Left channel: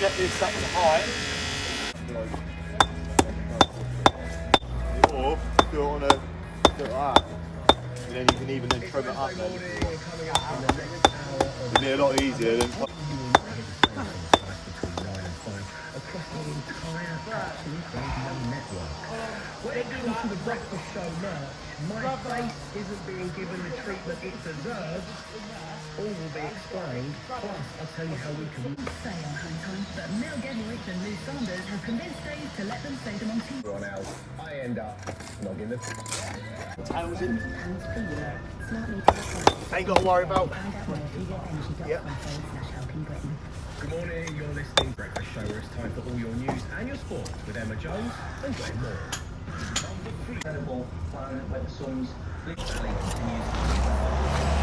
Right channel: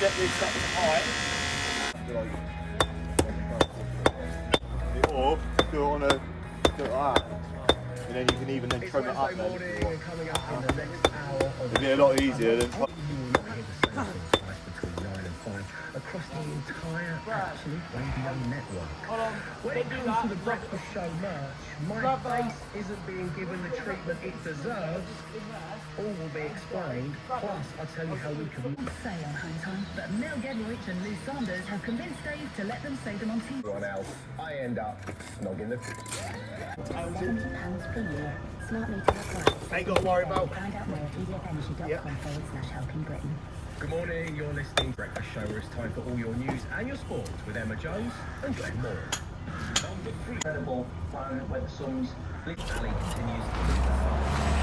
Get this up to height. Or do it on a, do it like that. And then you can even then trim it up. It'd be a lot easier than. Across the entire Absolute Radio network. When it comes to the Breakfast Show merch, my face isn't being given the treatment it deserves. All will be explained. Plus, I'll tell you how we can sale hang time, but Mel Gedroych and Lou Sanders have convinced Dave to let them sell them on TV. One else, I end up snogging the £1,000 per year. Smart meter. Ain't got to worry about. Yep. Good morning, you're listening to Breakfast Show, where it's time for all your news and your sport with Emma Jones and Glenn Moore. Incredible Planet Web Songs. Blitz Alley continues.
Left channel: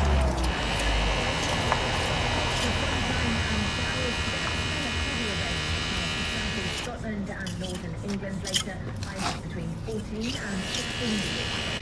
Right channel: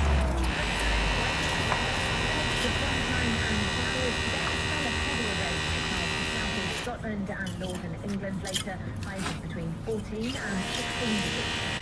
Scotland and Northern England later, highs between 14 and 16 degrees.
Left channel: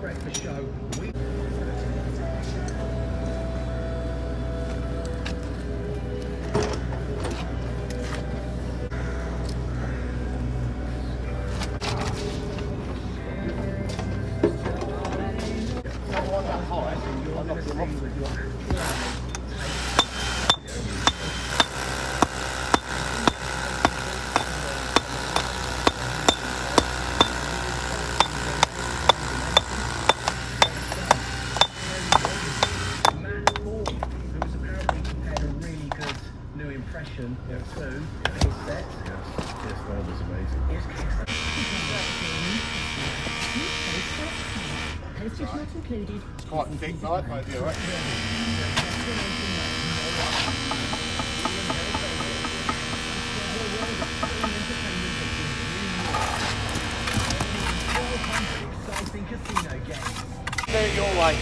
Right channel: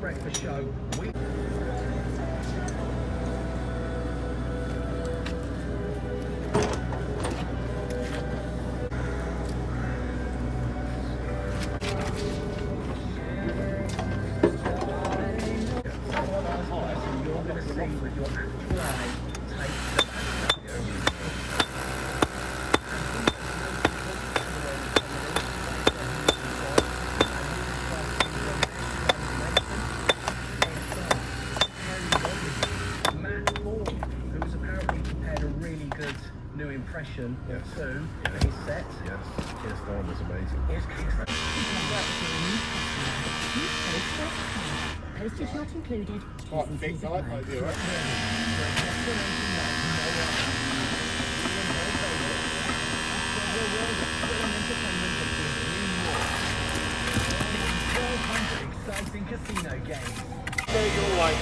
Breakfast Show. Impression of two set. Yes, his style was amazing. Postage not included. Quite thick night, maybe, right? Exciting casino game. There your way.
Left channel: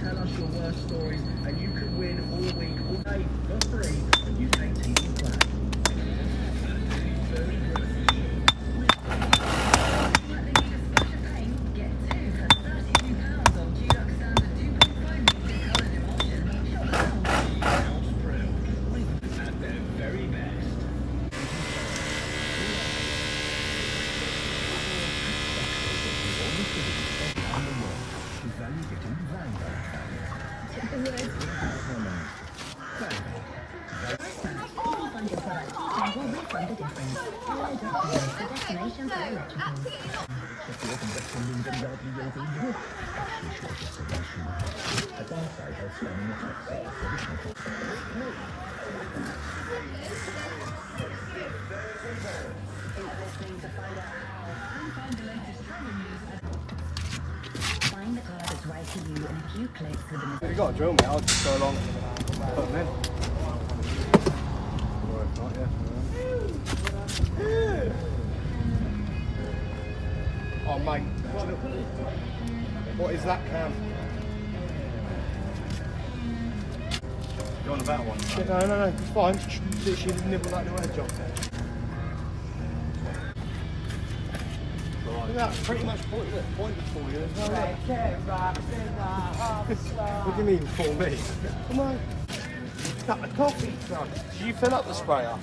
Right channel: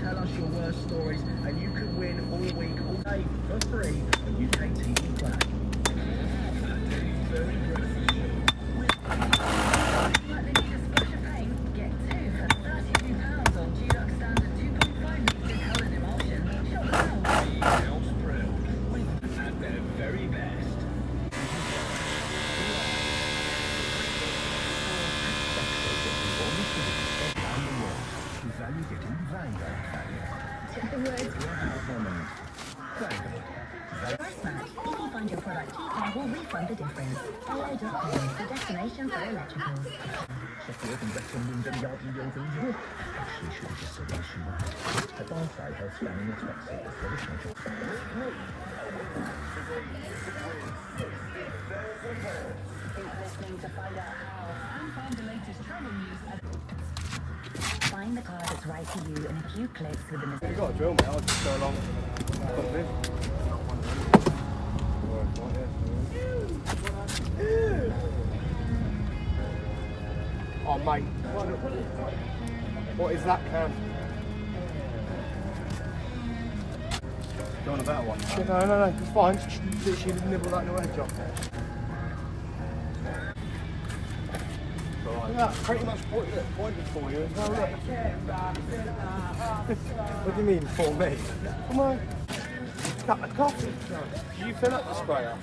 Tell us your worst stories and you can win all week, all day for free on UK TV Play. Very good. At their very best. Value getting value. the difference. Follow Brickwork, the destination for electricals. Find the car that's right for you in a few clicks with the You got a drill, mate. I'll just go along. Oh, mate. What is that, Cam? You want a better one? No, it's fine. Just literally nibble that little edge off. That's pretty much pointed for you as well. What do you mean for me? Come on. Cup of coffee, son. Did you fill up the sprayer?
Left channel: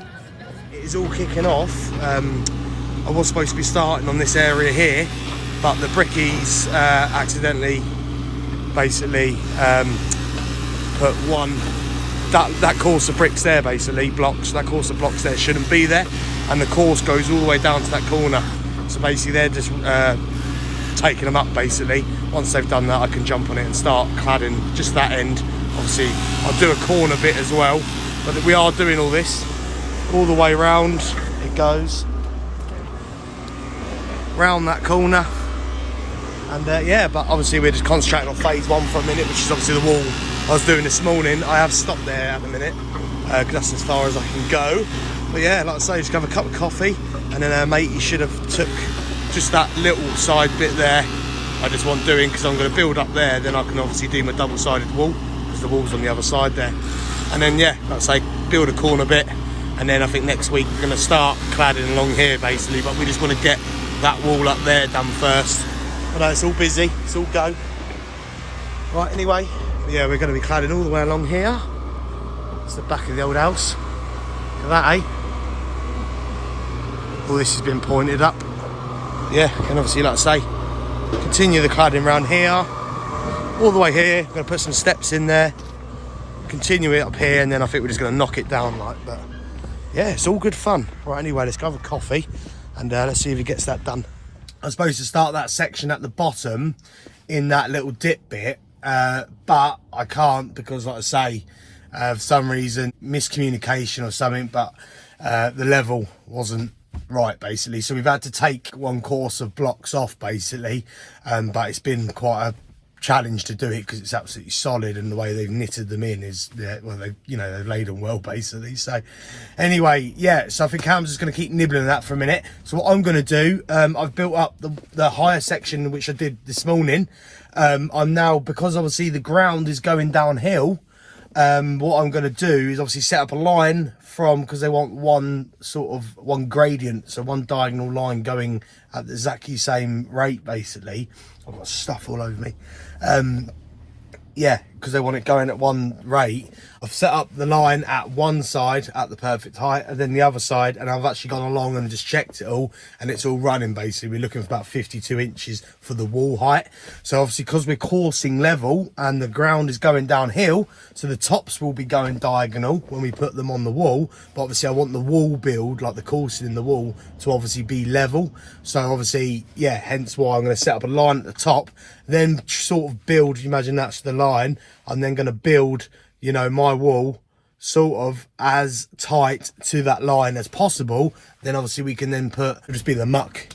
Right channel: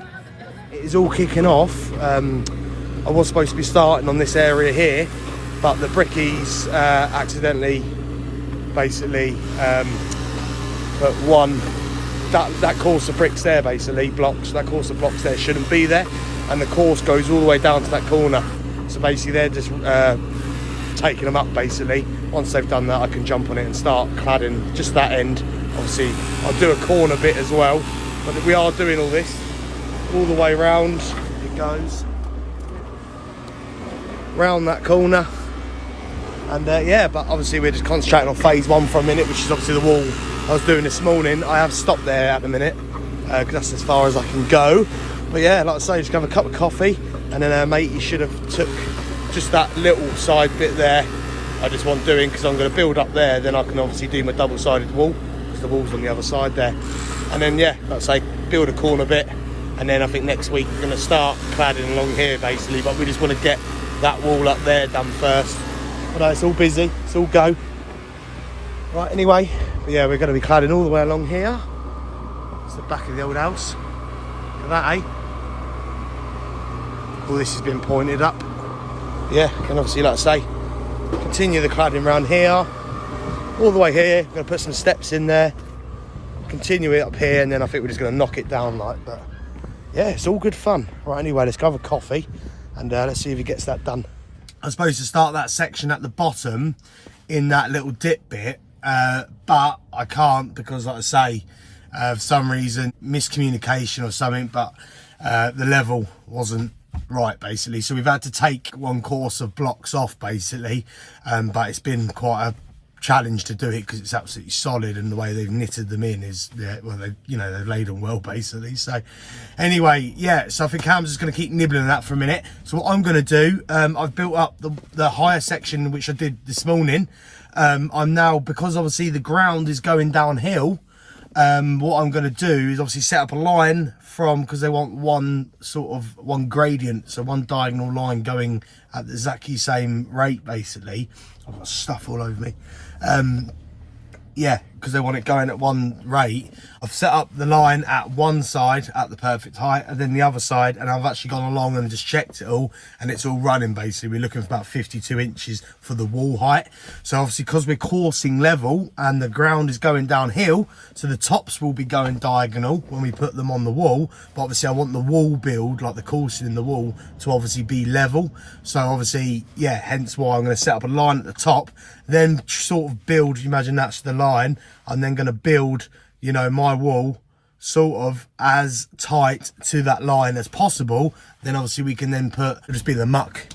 It is all kicking off. I was supposed to be starting on this area here, but the brickies accidentally basically put that course of bricks there, basically blocks. That course of blocks there shouldn't be there, and the course goes all the way down to that corner. So basically they're just taking them up basically. Once they've done that, I can jump on it and start cladding just that end. Obviously I'll do a corner bit as well, but we are doing all this all the way round. It goes round that corner, and yeah, but obviously we're just concentrating on phase one for a minute, which is obviously the wall I was doing this morning. I have stopped there at the minute because that's as far as I can go. But yeah, like I say, just have a cup of coffee, and then mate, you should have took just that little side bit there. I just want doing because I'm going to build up there, then I can obviously do my double-sided wall because the wall's on the other side there. And then yeah, like I say, build a corner bit, and then I think next week we're going to start cladding along here basically, but we just want to get that wall up there done first. But it's all busy, it's all go. Right, anyway, yeah, we're going to be cladding all the way along here. It's the back of the old house. Look at that, eh? All this has been pointed up. Yeah, and obviously, like I say, continue the cladding around here, all the way here. I'm going to put some steps in there, continue it up here, and then I think we're just going to knock it down like that. Yeah, it's all good fun. Right, anyway, let's go have a coffee, and let's see if he gets that done. I was supposed to start that section at the bottom in that little dip bit, but I can't because, like I say, for some reason, miscommunication or something, but the level wasn't right basically, so we've had to take one course of blocks off basically, but it's been quite a challenge to do it because it's absolutely solid, and the way they've knitted them in is, well, they've laid them well basically. So anyway, yeah, so I think Cam's just going to keep nibbling that for a minute. So what I'm going to do, I've built up the higher section which I did this morning. I'm now, because obviously the ground is going downhill, what I'm going to do is obviously set up a line from, because they want one gradient, so one diagonal line going at the exactly same rate basically. I've got stuff all over me. Yeah, because they want it going at one rate. I've set up the line at one side at the perfect height, and then the other side, and I've actually gone along and just checked it all, and it's all running basically. We're looking for about 52 inches for the wall height. So obviously, because we're coursing level and the ground is going downhill, so the tops will be going diagonal when we put them on the wall, but obviously I want the wall build, like the coursing in the wall, to obviously be level. So obviously, yeah, hence why I'm going to set up a line at the top, then sort of build, you imagine that's the line, I'm then going to build, you know, my wall sort of as tight to that line as possible. Then obviously we can then it'll just be the muck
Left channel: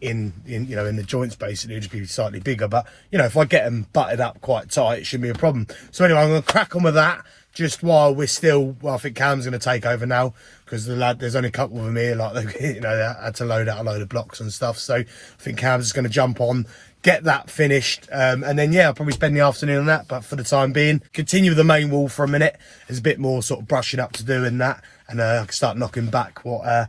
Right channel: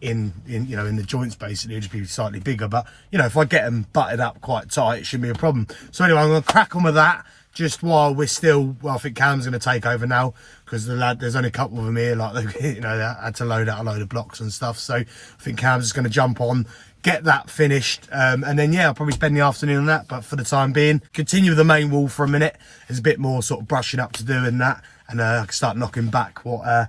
in you know, in the joints basically. It'll just be slightly bigger, but you know, if I get them butted up quite tight, it shouldn't be a problem. So anyway, I'm going to crack on with that just while we're still, well, I think Cam's going to take over now, because there's only a couple of them here, like, you know, they had to load out a load of blocks and stuff. So I think Cam's just going to jump on, get that finished, and then yeah, I'll probably spend the afternoon on that. But for the time being, continue with the main wall for a minute. There's a bit more sort of brushing up to do in that, and I can start knocking back what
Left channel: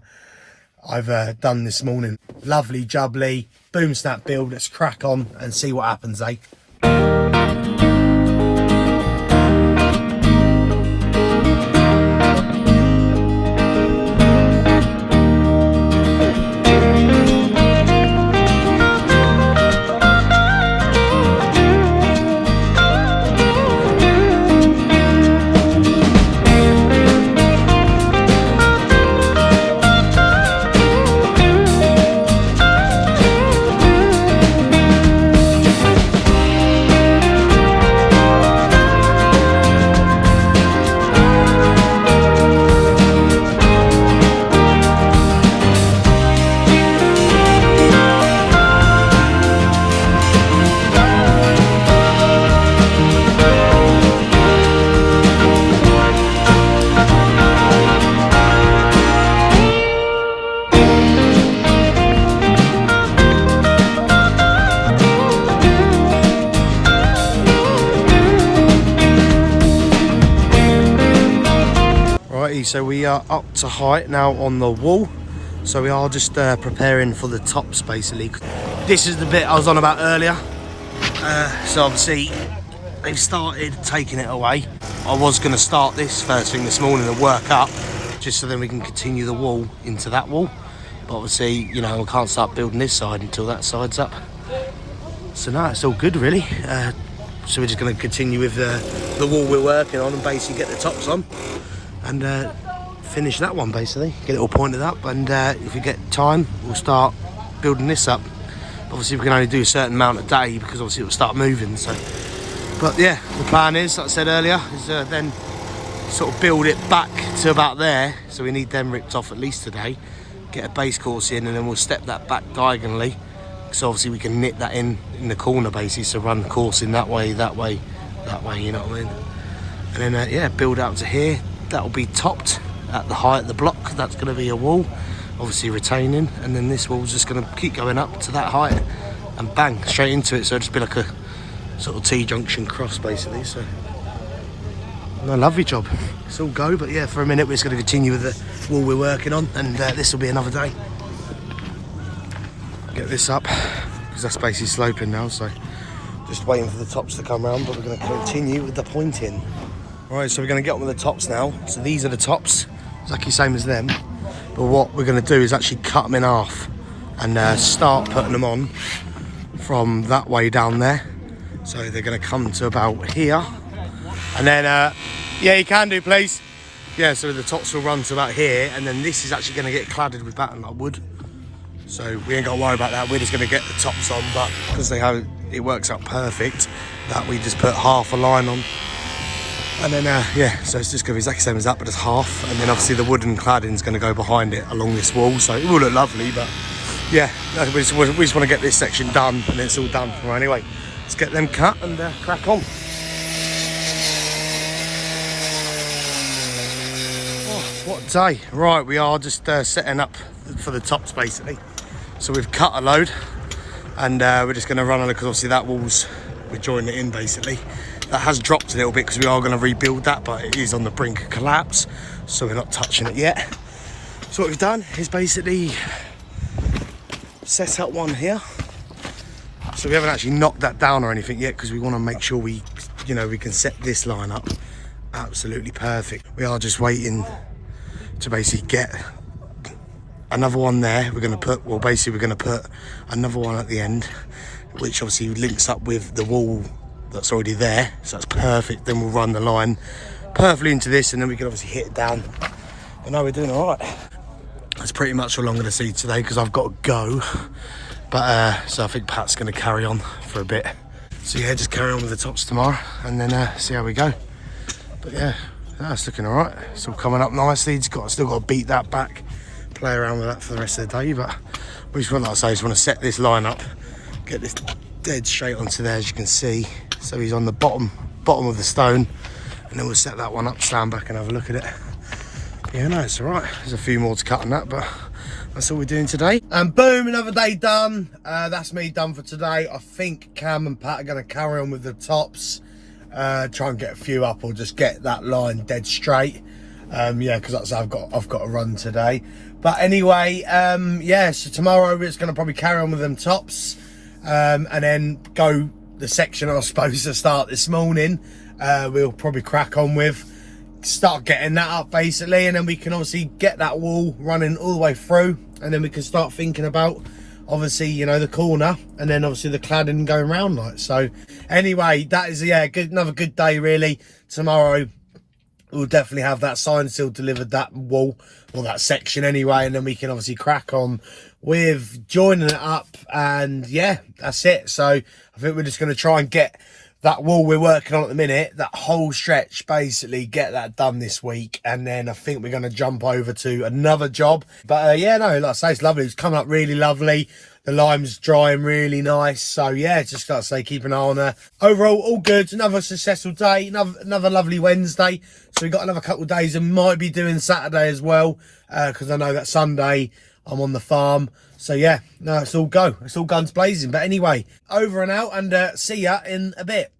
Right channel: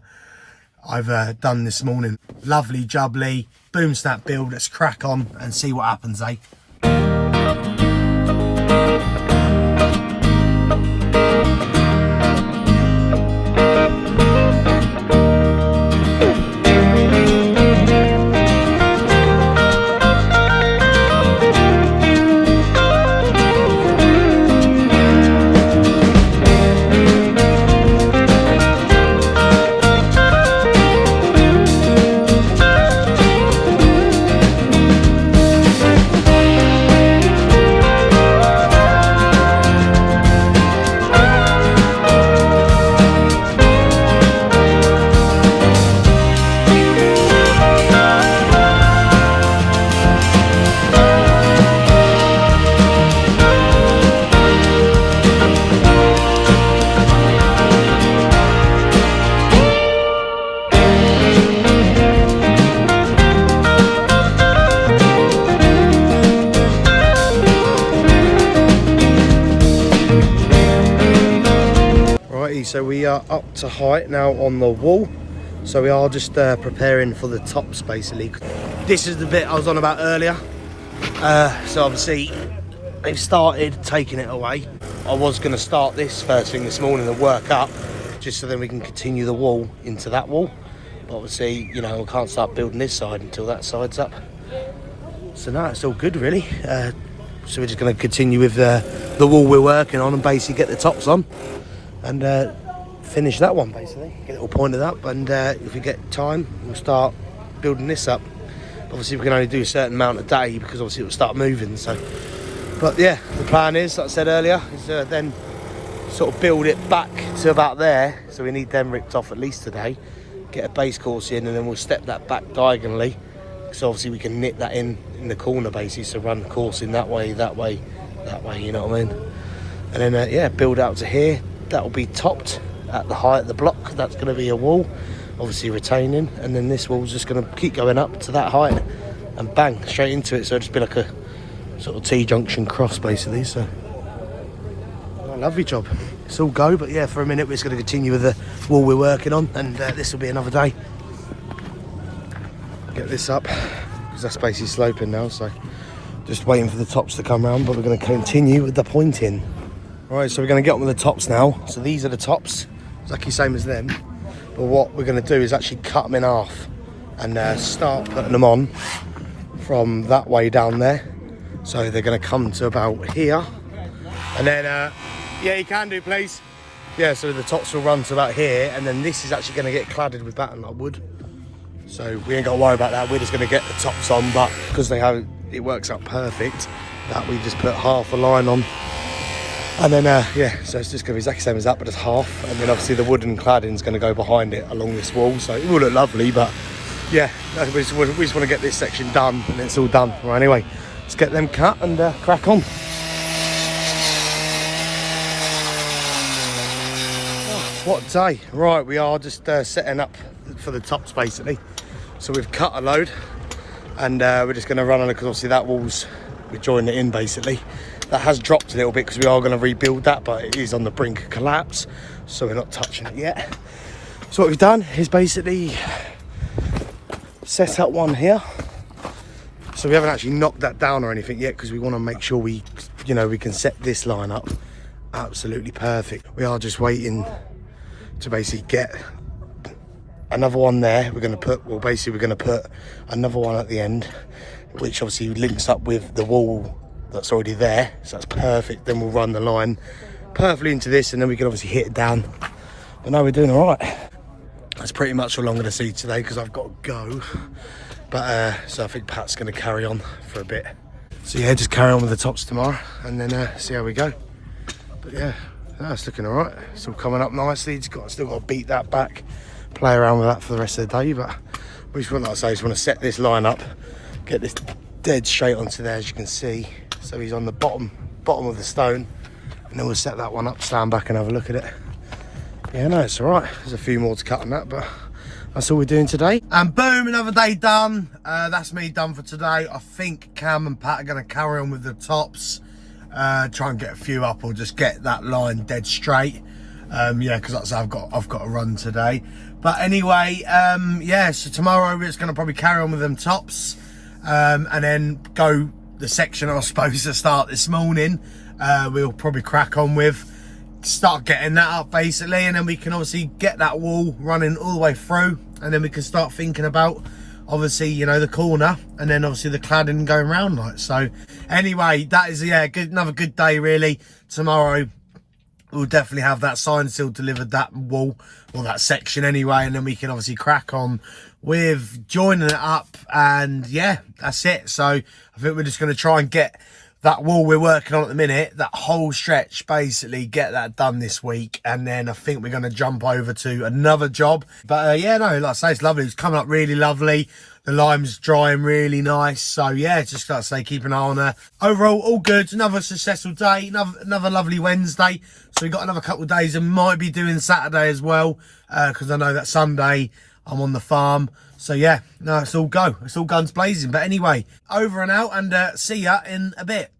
I've done this morning. Lovely jubbly boom snap build. Let's crack on and see what happens, eh? so we are up to height now on the wall. So we are just preparing for the tops basically. This is the bit I was on about earlier. So obviously they've started taking it away. I was going to start this first thing this morning and work up, just so then we can continue the wall into that wall. But obviously, you know, we can't start building this side until that side's up. So no, it's all good really. So we're just going to continue with the wall we're working on and basically get the tops on and finish that one basically, get it all pointed up, and if we get time we'll start building this up. Obviously we can only do a certain amount a day because obviously it will start moving, so. But yeah, the plan is, like I said earlier, is then sort of build it back to about there. So we need them ripped off at least today, get a base course in, and then we'll step that back diagonally. So obviously we can knit that in the corner basically, so run the course in that way, that way, that way, you know what I mean? And then yeah, build out to here. That will be topped at the height of the block. That's going to be a wall, obviously retaining, and then this wall's just going to keep going up to that height and bang, straight into it. So it'll just be like a sort of T-junction cross basically. So a lovely job. It's all go, but yeah, for a minute we're just going to continue with the wall we're working on, and this will be another day. Get this up because that's basically sloping now, so just waiting for the tops to come round, but we're going to continue with the pointing. Right, so we're going to get on with the tops now. So these are the tops, exactly same as them, but what we're going to do is actually cut them in half and start putting them on from that way down there. So they're going to come to about here, and then yeah, you can do, please. Yeah, so the tops will run to about here, and then this is actually going to get cladded with batten like wood. So we ain't got to worry about that. We're just going to get the tops on, but because they have, it works out perfect that we just put half a line on, and then yeah, so it's just going to be exactly the same as that, but it's half, and then obviously the wooden cladding is going to go behind it along this wall, so it will look lovely. But yeah, we just want to get this section done, and it's all done. Right, anyway, let's get them cut and crack on. Oh, what a day. Right, we are just setting up for the tops basically. So we've cut a load, and we're just going to run on it because obviously that wall's, we're joining it in basically. That has dropped a little bit because we are going to rebuild that, but it is on the brink of collapse, so we're not touching it yet. So what we've done is basically set up one here. So we haven't actually knocked that down or anything yet because we want to make sure we, you know, we can set this line up absolutely perfect. We are just waiting to basically get another one there. We're going to put, well, basically we're going to put another one at the end, which obviously links up with the wall that's already there, so that's perfect. Then we'll run the line perfectly into this, and then we can obviously hit it down. And now we're doing all right. That's pretty much all I'm going to see today because I've got to go. But so I think Pat's going to carry on for a bit. So yeah, just carry on with the tops tomorrow, and then see how we go. But yeah, that's looking all right. It's all coming up nicely. It's still got to beat that back, play around with that for the rest of the day. But we just want, like I say, just want to set this line up, get this dead straight onto there, as you can see. So he's on the bottom of the stone, and then we'll set that one up, stand back and have a look at it. But yeah, no, it's all right. There's a few more to cut on that, but that's all we're doing today. And boom, another day done. That's me done for today. I think Cam and Pat are going to carry on with the tops, try and get a few up, or just get that line dead straight. Yeah, because that's I've got to run today. But anyway, yeah, so tomorrow we're just going to probably carry on with them tops, and then go the section I was supposed to start this morning. We'll probably crack on with, start getting that up basically, and then we can obviously get that wall running all the way through, and then we can start thinking about obviously, you know, the corner, and then obviously the cladding going round like. So anyway, that is, yeah, another good day really. Tomorrow we'll definitely have that sign still delivered, that wall, or that section anyway, and then we can obviously crack on with joining it up, and yeah, that's it. So I think we're just going to try and get that wall we're working on at the minute, that whole stretch, basically get that done this week, and then I think we're going to jump over to another job. But yeah, no, like I say, it's lovely. It's coming up really lovely. The lime's drying really nice. So yeah, just like I say, keep an eye on there. Overall, all good. Another successful day, another lovely Wednesday. So we've got another couple of days, and might be doing Saturday as well, because I know that Sunday I'm on the farm. So yeah, no, it's all go. It's all guns blazing. But anyway, over and out, and see ya in a bit.